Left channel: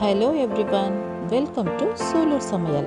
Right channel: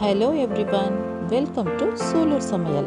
Hello everyone, welcome to Solar Samayal.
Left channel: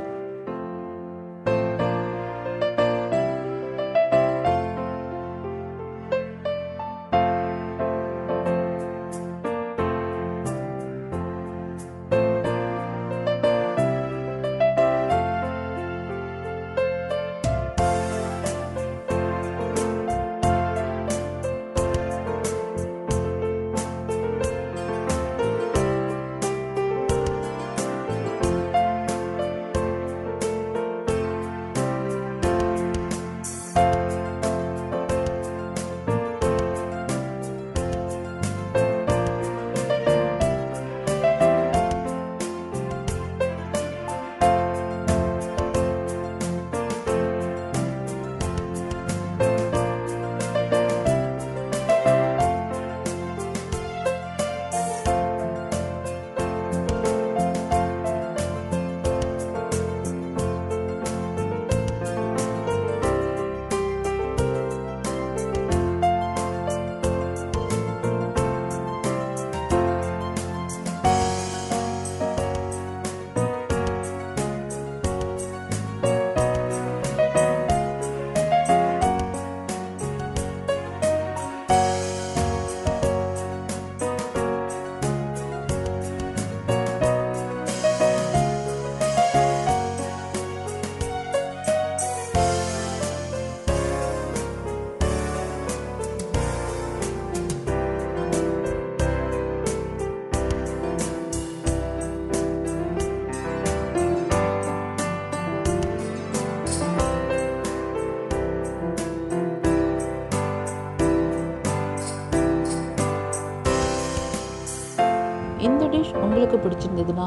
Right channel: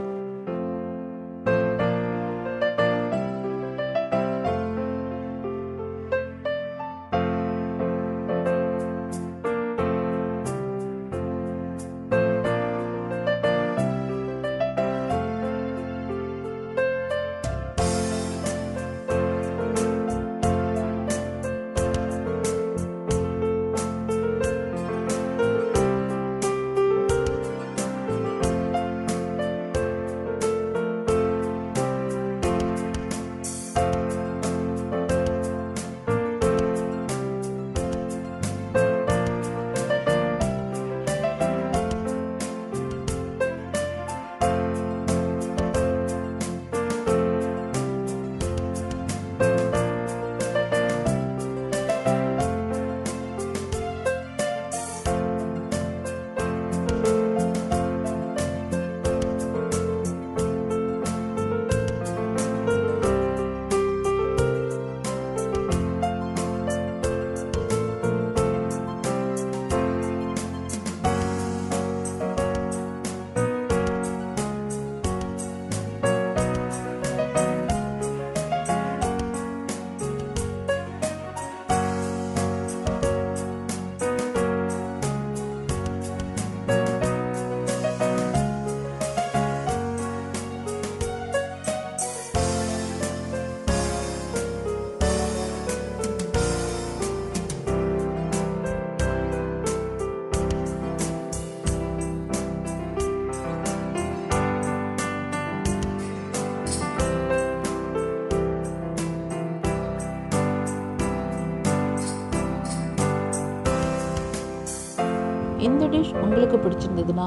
இந்த dish உங்களுக்கு பிடிச்சிருந்ததுன்னா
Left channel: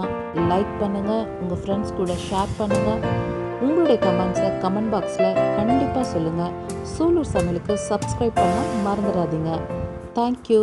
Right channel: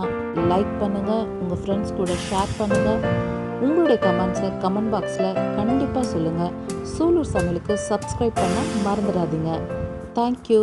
லைக் பண்ணுங்கள், உங்கள் ஃப்ரெண்ட்ஸ் கூட ஷேர் பண்ணுங்கள். உங்களுடைய கமெண்ட்ஸை கமெண்ட் பாக்ஸில் கண்டிப்பாக சொல்லுங்கள். சூலூர் சமையலுக்கு சப்ஸ்கிரைப் பண்ண மறந்துடாதீங்க. தேங்க்யூ.